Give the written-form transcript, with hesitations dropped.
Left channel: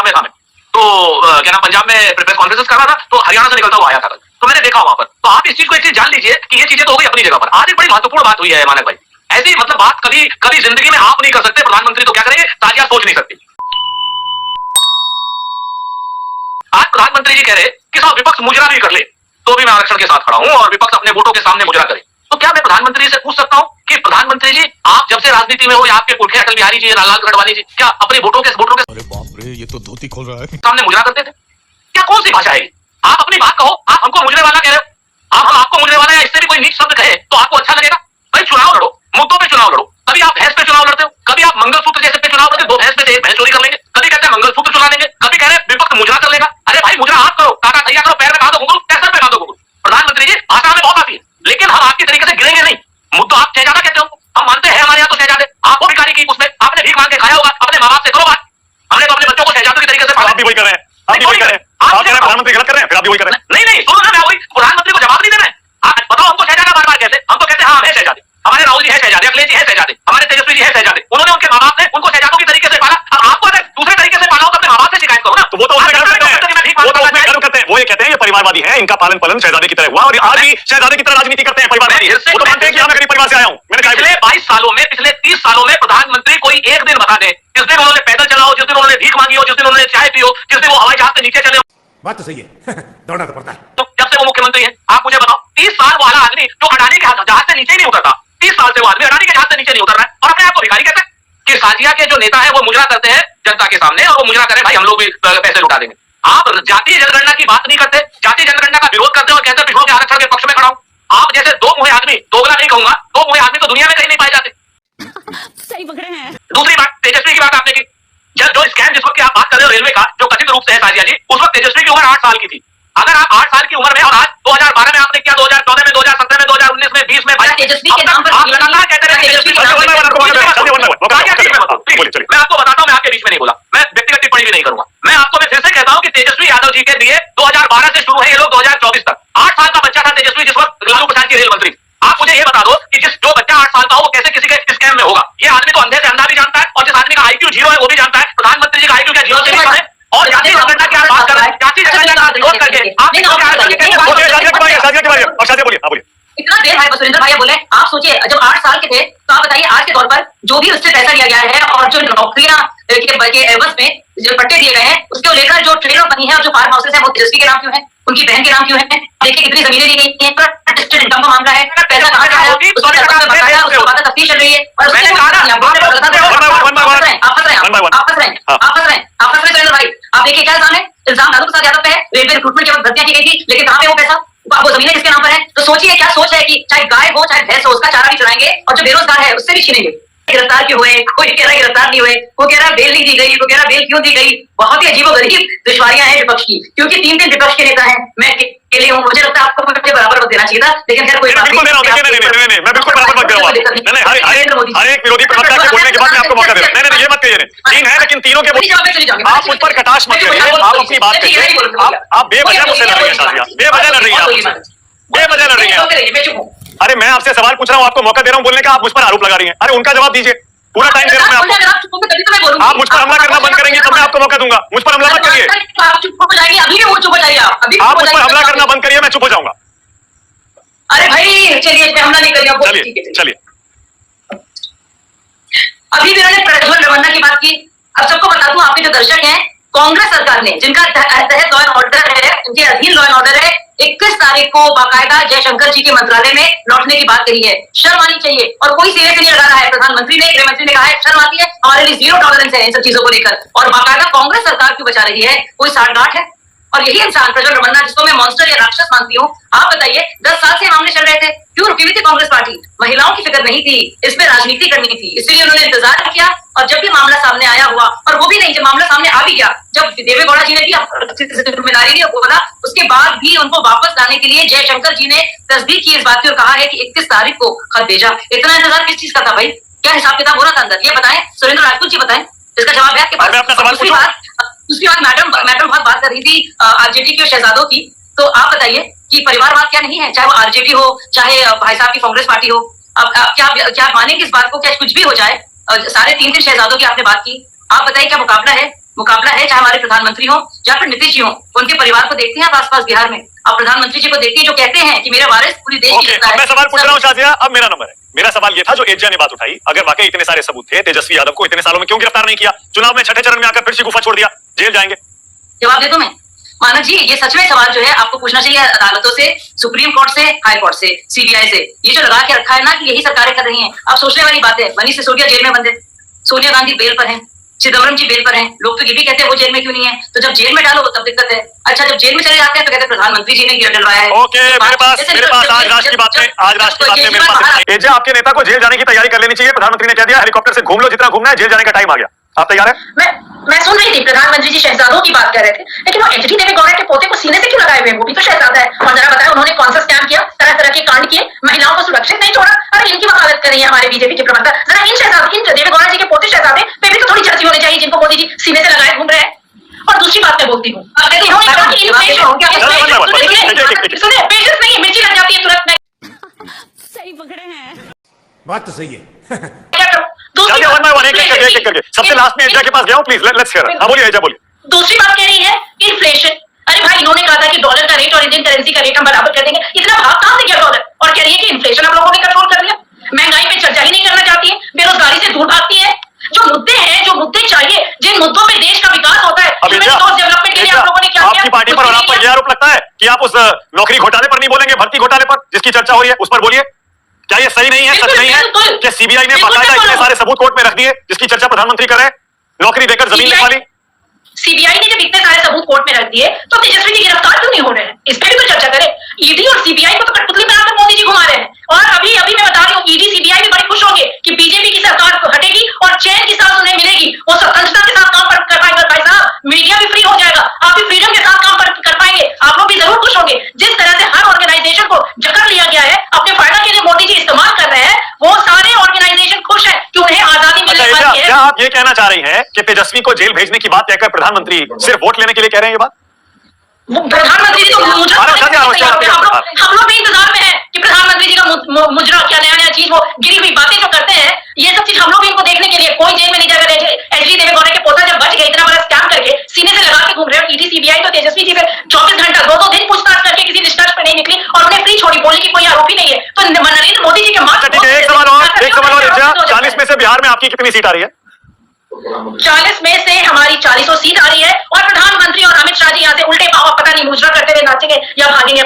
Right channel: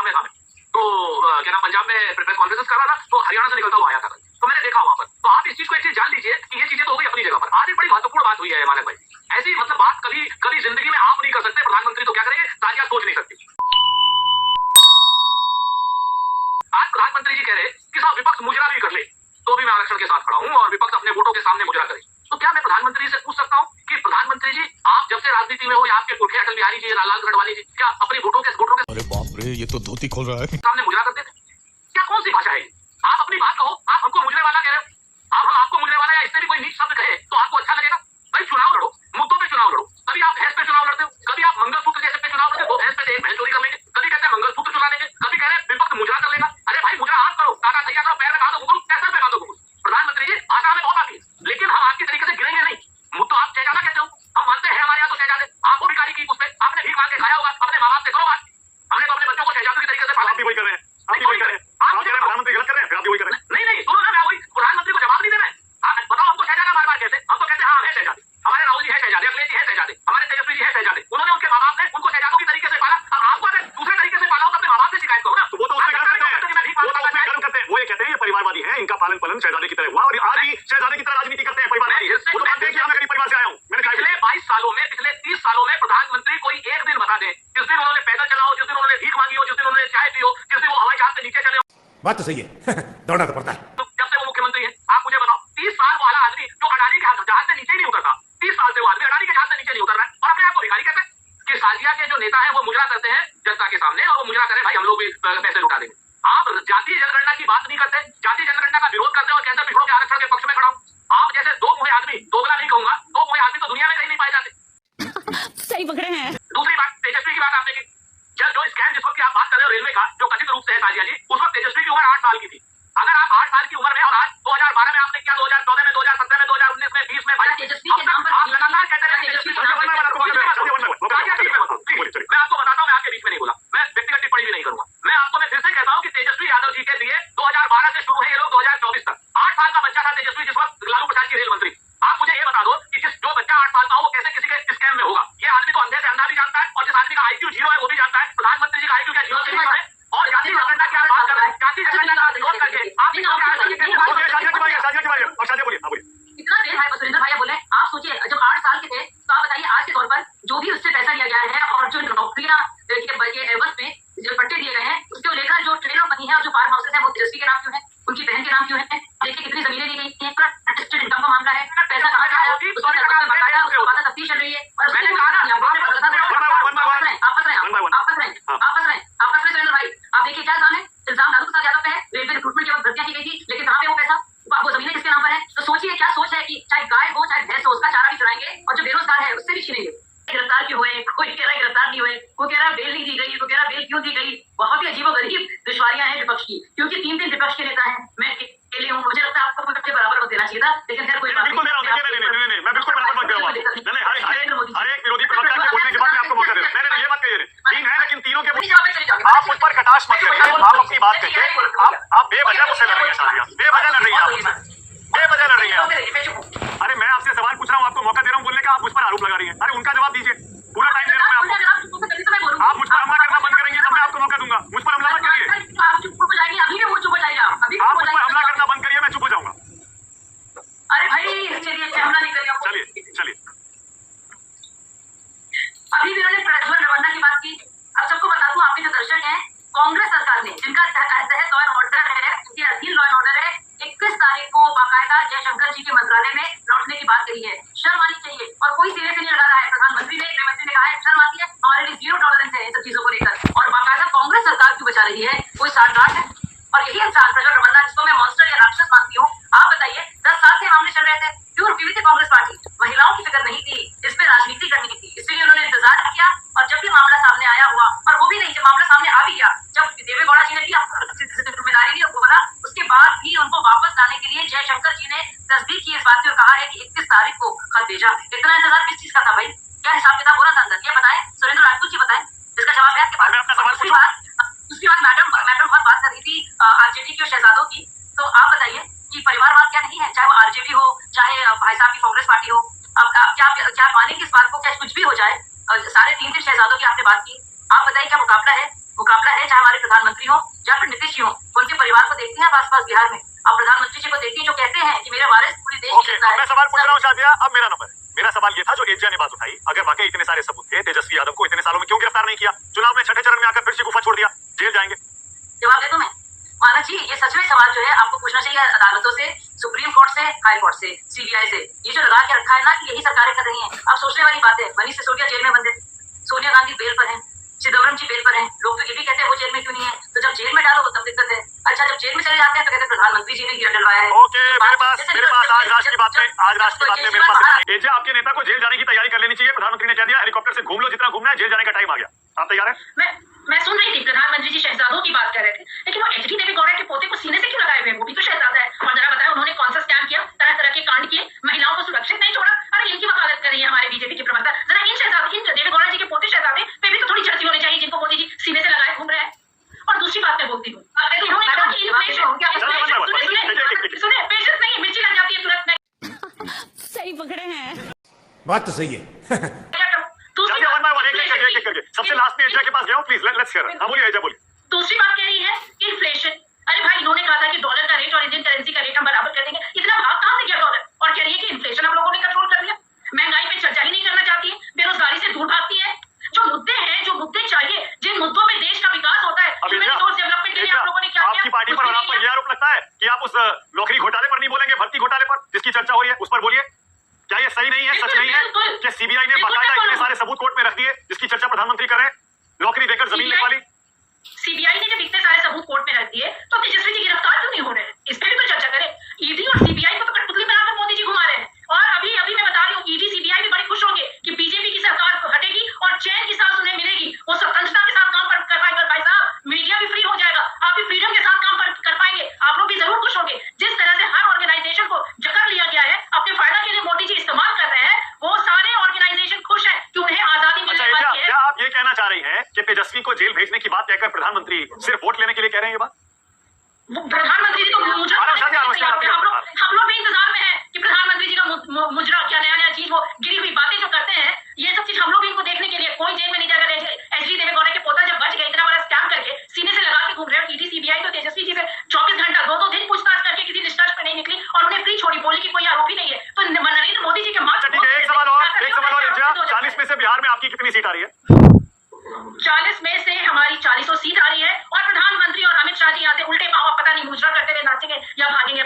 पंजाब में था मैं, तो क्या नाम पंजाब में प्रेस कॉन्फ्रेंस कर रहा था, तो हरियाणा से निकलता हुआ आया था, तो मैंने देखा वहां पर। तो आप इस चीज को एक चीज जान लीजिए कि ये चीजें तो हो गई अपनी जगह पर। आज एक बड़ी महत्वपूर्ण बात हुई है मानक भाई, ऐसी मतलब बात कभी कभी जिंदगी में आप नहीं कर सकते, प्रधानमंत्री तो क्या करेंगे, ताजिया सोच नहीं सकते। आज प्रधानमंत्री जी कह रहे कि साहब विपक्ष मुजरा भी कर ले तो भी मैं आरक्षण के साथ खड़ा हूं, और विपक्ष अपने वोटों के सामने मुजरा करे। तो क्या मैं प्रधानमंत्री से पूछ सकता हूं कि प्रधानमंत्री जी आप जब से राजनीति में हो, या आपके पुरखे अटल बिहारी जी, लाल गढ़वाली जी, क्या अपने वोटों के अरे बाप रे, ये तो धोती खोल रहा है, सामने मुजरा करते थे? क्या कौन सी भाषा है? आप अपनी बात कहो, आप हमको मुजरे वाला कह रहे हो, आप आपको मुजरे वाला या इससे भी कोई नीच शब्द कहे तो आपको अच्छा लगेगा? भाई चुनाव लड़ो, मुद्दों पे चुनाव लड़ो। कभी आप भैंस पे चुनाव लड़ते हो, कभी आप मंगलसूत्र जैसे पे चुनाव लड़ते हो, दो भैंस पे से एक भैंस चोरी कर लेंगे, कभी कहते हैं मंगलसूत्र चुरा लेंगे, कभी कह रहे हैं विपक्ष मुजरा कर लेगा। अरे भाई मुजरा आप करो, काका तैयार करो, पैर में कहा दो घुंघरू, पैसर पे कहा दो घुंघरू। प्रधानमंत्री जी भाषा में बहुत आती है, लेकिन हम आपकी तरीके से गिरेंगे नहीं। मुद्दा आप शहजादा कहते हो, हम मानते हैं हमारे यहाँ तो शहजादे, आपको भिखारी की उसमें आपने भीख मांग के खाया होगा, अपने माँ बाप से करो बात। हमने तो अपने बच्चों को शहजादों की तरीके से आप भी वही कर रहे हैं, आप भी वही कर रहे हैं, आप कह रहे हैं प्रधानमंत्री गलत कर रहे हैं, फिर आप भी वही कर रहे हैं। नहीं नहीं सुनो ना, मैं वही प्रधानमंत्री को जवाब नहीं देना है। आप बताओ हमको शहजादा बार बार कैसे? हम तो कहते हैं हाँ हम है शहजादे, हमारे राहुल जी है शहजादे, अखिलेश जी है शहजादे, हमारे तेजस्वी जी है शहजादे। उन्होंने उनके माँ बाप ने उनको शहजादों की तरीके से पाला। अब आपको अगर दूसरे तरीके से पाला हो तो अपने माँ बाप से शिकायत करो ना। तो वो तो उसमें गर्व करते हैं, वो तो उसमें गर्व करते हैं, वो ये कहते हैं ये परिवारवादी है, इनका पालन पालन शहजादे की तरह हुआ, और आज भी शहजादे की तरह राजनीति करते हैं परिवारवादी। वो तो मानते हैं कि मैं गरीब परिवार से आया हूँ। मैंने पिछले 22 सालों में, पिछले 30 सालों में प्रधानमंत्री कोई एक दिन बता दे जिस दिन उन्होंने पैदल चला हो, जिस दिन उन्होंने भीख मांगी हो, जिस दिन उन्होंने चाय पी हो, जिस दिन वो हवाई जहाज से नीचे चले हो। बात तो सही है दौड़ना तो पड़ता है। तो जब से वो मुख्यमंत्री है, आप मुझे बताओ 30 साल वाला आदमी जो अडानी के जहाज से नीचे नहीं उतरता, 30 साल से वो आदमी अडानी के जहाज से नीचे नहीं उतर रहा है, और अपने आप को भिखारी कहता है कि साजिया के जो नेता है वो मुजरा करते हैं जनता के सामने, और वो मुजरा करें भाई हम लोग भी पैसे लुटा देंगे। आप जातीय जनगणना की बात नहीं करते, जातीय जनगणना का विरोध करते और कहते हैं पिछड़ों के आरक्षण के पक्ष में खड़ा हूं। आप जैसे दो मुहे आदमी, दोगला नहीं कहूंगा, दो मुहे आदमी तो दुनिया में कहीं नहीं पाए जाते। सही पकड़े हैं। दूसरी बात, तेजस्वी की बात आपने की, जो स्कैम जिस वक्त की आप बात कर रहे हो रेलवे का, जो कथित रूप से है साजिया जी, उस वक्त तेजस्वी की उम्र 8 साल की थी। अगर आप 8 साल की उम्र में, और आज 2012 में आपने किया, 2014 में, 2017 में, 2019 में, 20 में, तेजस्वी के नाम पर आप लगातार कहते रहे तेजस्वी। मैं आपको बताता हूं, मैं आपके बीच में नहीं बोला, मैं व्यक्तिगत टिप्पणी भी नहीं करूंगा। मैं आपको मैं फिर से कहता हूं कि तेजस्वी यादव जी के लिए 2012 से शुरू है ये लोग 2024 तक। 8 साल का बच्चा था तेजस्वी जिस वक्त लालू प्रसाद की रेल मंत्री। आप मुझे ये बता दो कि जो बच्चा 8 साल का हो वो कैसे किसी के स्कैम में होगा? ये आदमी तो अंधे से अंधा भी जानता है, और जिस आदमी का IQ 0 है वो भी जानता है प्रधानमंत्री जी का IQ क्या 0 से भी कम है। और जातीय जनगणना की आप बात कर रहे हैं, जातीय जनगणना का विरोध करके आप इतना देर भाई सुरेंद्र भाई बोले, आप सोचिए जब 8 साल के थे तो आप बताइए आज के तौर पर जो भी उससे पैसा लिया गया है, और जो नौकरियां के एवज में जो पट्टे दिए गए हैं उसको लेकर जो ट्रेनर बनी है और जो फार्म हाउसेस है वो तेजस्वी के नाम क्यों है, उनकी बहन के नाम क्यों है? देखिए कितनी जमीनें दी गई हैं, अटेस्टेड इनकम का मामला है, पैसा कहां से आया उसके बाद तफ्तीश चल रही है, और उसके सुरेंद्र भाई आप देखिए क्या इल्जाम है, इल्जाम लालू प्रसाद यादव पे है, रेलवे रिक्रूटमेंट के वक्त भर्तियां की गई थी, लेकिन कहां पे वो पैसा, वो जमीनें किसके नाम पर है? तो सोचिए क्या सोच है कि चाहे गाय हो चाहे भैंस हो उसका चारा भी चुराएंगे, और जो बेरोजगार है उससे भी छीनेंगे। गिरफ्तार क्यों हुए, कोई कह रहा है गिरफ्तार नहीं हुए, वो कह रहा है बेल नहीं दी गई, वो कह रहा है बेल क्यों दी गई। बहुत ही अजीबोगरीब दुश्वारियां हैं विपक्ष की, क्योंकि 3 विपक्ष के नेता हैं, मैं अकेले हूं। मुझे लगता है आपको मुझे बराबर देना चाहिए था, लेकिन खैर कोई बात नहीं। मैं बिल्कुल बराबर मत करूंगा, हर एक विरोधी पक्ष के बोलने के बाद मैं आपको मौका दे रहा हूं। नहीं ये मत कहिए, 3 है लेकिन तीनों के आप उस पर कटाक्ष मत करिए, आप अपनी बात करिए। आप बेवजह मुझसे लड़ रही हैं शादियां, बेवजह लड़ रही हैं, बेवजह लड़ रही हैं। अरे मैं आपसे सवाल पूछ रहा हूं, आपको मौका दे रहा हूं बोलने का, आप मुझ पर आरोप लगा रही हैं। अरे उनका जवाब दीजिए, पूरा टाइम दे रहा हूं मैं आपको। आप मुझ पर हमला करना बंद करेंगे तब मैं आपको मौका दूंगा। मुझ पर हमला मत करिए, आप चुप हो जाएंगे, अभी भी वो चुप हो जाइए, आप मुझ पर हमला करना बंद करिए, मैं चुप हो जाऊंगा। अरे भाई चलिए हमला नहीं करिए, चलिए। अभी भी मैंने प्रज्वल रेवन्ना की बात की। अब सबको बता दूं, आपके जो दर्शक हैं, कांग्रेस सरकार ने जिनका तहत लॉ एंड ऑर्डर है, उनके अधीन लॉ एंड ऑर्डर है, 21 तारीख को बाकायदा जयशंकर जी के मंत्रालय में लौटने की बात कही है। शर्म आनी चाहिए, और कोई सिरे से नहीं लगा रहा है। प्रधानमंत्री ने, गृह मंत्री ने कहा है शर्म आती है, हमारे लिए 0 टॉलरेंस है इन सब चीजों को लेकर, और बाकायदा कांग्रेस सरकार क्यों बचा रही है? कोई साठगांठ है? और यही इंसान प्रज्वल रेवन्ना, जिसको मैं मॉन्स्टर या राक्षस मानती हूँ, आप बताइए 10 साल से मामले चल रहे थे, क्यों रुकी हुई थी कांग्रेस पार्टी? महिलाओं की फिक्र नहीं थी, इसमें राजनीति करनी थी, इसलिए उन्होंने इंतजार किया। और जब भी मामला सामने आया हुआ, और वो भी नहीं, जब मामला सामने आ भी गया, जब देवेगौड़ा जी ने भी जिम्मेदारी ली बोला, उसके बाद भी उनको वापस लाने के लिए जयशंकर जी ने तस्दीक की इस बात की और कहा है कि 31 तारीख को खत भेजा। इतना इंतजार किस चीज का था भाई? क्या हिसाब किताब हो रहा था अंदर? ये बताएं, सुरेंद्र राजपूत जी बताएं, इसका जवाब है आपके पास। दूसरी बात, मैडम बहुत बात कर रही थी आरजेडी की और शहजादों की, तो आप बताइए कि परिवारवाद क्या नहीं है? चाहे वो आरजेडी हो, चाहे भाई साहब की कांग्रेस पार्टी हो, अब क्या मानेंगे इस बात को? क्या कुछ भी हो जाए, सारे 3 शहजादों की आपने बात की, आप बताइए क्या मुकाबला है? मुकाबला है, चाहे हमारे प्रधानमंत्री हो या फिर नीतीश जी हो, उनके परिवार को देखते हैं आप आसपास बिहार में, आप प्रधानमंत्री जी को देखते हैं जो कहते हैं कि मेरा वारिस पूरी देश की जनता है। मैं सवाल पूछ रहा हूँ शाजिया, अब मेरा नंबर है। मेरा सवाल ये था जो एजा ने बात उठाई, अगर वाकई इतने सारे सबूत थे, तेजस्वी यादव को इतने सालों में क्यों गिरफ्तार नहीं किया? चुनाव में छठे चरण में आकर फिर से गुफा छोड़ दिया, जेल जाएंगे। जवाब दे दूं मैं? मानव जी, ये सच में सवाल जो है आपको पूछना चाहिए अदालतों से, सुप्रीम कोर्ट से, हाई कोर्ट से, सीबीआई से। ये जो लगा के रखा है ना कि यही सरकारें कर रही हैं, अब सोचने वाली बात है। मनीष सिसोदिया जेल में बंद है, सोनिया गांधी बेल पर हैं, चिदम्बरम जी बेल पर हैं, लोग तो ये भी कहते हैं वो जेल में क्यों नहीं है। तो जब जेल में डालो तब दिक्कत है। अच्छा, जब जेल में चले जाते हैं तो कहते हैं प्रधानमंत्री जी ने गिर डलवाया है। ओके, मेरे पास आज राष्ट्र की बात में, आज राष्ट्र की बात में मेरे पास एजा, आपके नेता को जेल जाने की तैयारी कर लेनी चाहिए। प्रधानमंत्री ने कह दिया हेलीकॉप्टर से घूम लो जितना घूमना है, जेल जाने का टाइम आ गया। आप तैयार है? मैं सुन रही थी प्रधानमंत्री जी शहजादों की बात कर रहे थे, लेकिन वो एचडी देवेगौड़ा के पोते को सीने से क्यों लगाए हुए? वो भी तो शहजादा है। और जरा बताया उन्होंने कौन सा स्कैम किया, तरह तरह के कांड किए, महिलाओं को सुरक्षित नहीं छोड़ा। अरे इनकी वकालत कर रही है हमारे बीजेपी के प्रवक्ता। जरा इन देवेगौड़ा जी के पोते शहजादे पे भी तो थोड़ी चर्चा होनी चाहिए, जिनको मोदी जी सीने से लगाए घूम रहे हैं। और दूसरी बात मैं बोलती हूँ, सुनिए, पेशेंस नहीं है, मिर्ची लग जाती है तुरंत। सही पकड़े हैं, बात तो सही है। सबसे लास्ट में एजा के पास गया हूं, प्लीज लेट्स हियर। हां बोलिए एजा, बोलिए। दूसरी बात कह रही है इन्फ्लेशन। अरे भाई, इन्होंने कहा था कि डॉलर का रेट और इंडियन करेंसी का रेट हम बराबर कर देंगे, इतना भाव कहां से गया डॉलर? और कह रही है कि इन्फ्लेशन हम लोगों ने कंट्रोल कर लिया। महंगाई पे चर्चा ही नहीं करना चाहती है, बेरोजगारी से दूर भागती है। जो मुद्दे हैं, जो मुद्दे चाहिए, जिन मुद्दों पे देश का विकास होता है, डेवलपमेंट के लिए आप लोगों ने क्या किया? आपकी पार्टी पर और आप पर यह आरोप लगता है कि आप उस नौकरी घोटाले पर नहीं बोलेंगे, भर्ती घोटाले पर जिसकी चर्चा हो रही है उस पर बोलिए। क्या ये सही नहीं है, सच नहीं है कि सीबीआई ने बाकायदा इतने सारे सबूत कोर्ट में रख दिए जिसकी चर्चा प्रधानमंत्री कर रहे हैं, नौकरी देकर जमीन लिखवा ली? सीबीआई ने जब इतने सारे सबूत कोर्ट में रख दिए तो तेजस्वी जी गिरफ्तार क्यों नहीं हो रहे हैं? इस पर भी तो चर्चा करें। ईडी और सीबीआई को तो कठपुतली बनाकर मोदी जी घुमा रहे हैं। और अभी मैं बता रही हूँ, ईडी सीबीआई भी बड़े खुश होंगे कि बीजेपी की सरकार हटेगी और चैन की सांस उन्हें मिलेगी। वो स्वतंत्रता के साथ काम कर पाएंगे। भाई साहब, मीडिया भी फ्री हो जाएगा, आप भी फ्रीडम के साथ काम कर पाएंगे। आप लोग भी जरूर खुश होंगे। जिस तरह से हर ऑर्गेनाइजेशन को जकड़ लिया गया है, अपने फायदा के लिए मोदी जी इस्तेमाल कर रहे हैं, वो सारे ऑर्गेनाइजेशन खुश है कि उन्हें आजादी मिलने वाली है। क्या आप ये कहना चाह रही हैं कि तेजस्वी को जेल भेजने की बात कहकर प्रधानमंत्री सिर्फ वोट लेने के लिए कह रहे हैं? ये बात प्रधानमंत्री जी तो मुजरा, हम लोग भी इंतजार में है कि प्रधानमंत्री जी का मुजरा क्या नया चीज, वो गिरी हुई बातें जो करते हैं, ये सब चीज हम लोग भी इनको देखने के लिए। कोई जेल में नहीं जाएगा। एचडी देवेगौड़ा के पोता जब बच गए, इतना बड़ा स्कैम करके सीने से लगा के घूम रहे हो, ईडी सीबीआई तो तेजस्वी जी से 24 घंटा 2-2 दिन पूछताछ करके किसी निष्कर्ष पे नहीं निकली और उन्हें फ्री छोड़ी, बोलने की कोई आरोप ही नहीं है। तो नरेंद्र मोदी जी के मार्ग। ठीक है, एक सवाल और 40 में से बिहार में आपकी कितनी सीट आ रही है? 40 में से हमारी 40 सीट आ रही है और प्रधानमंत्री और अमित शाह जी यहाँ से उल्टे पाव पता नहीं मुजरा करते हुए नाचेंगे या भागेंगे।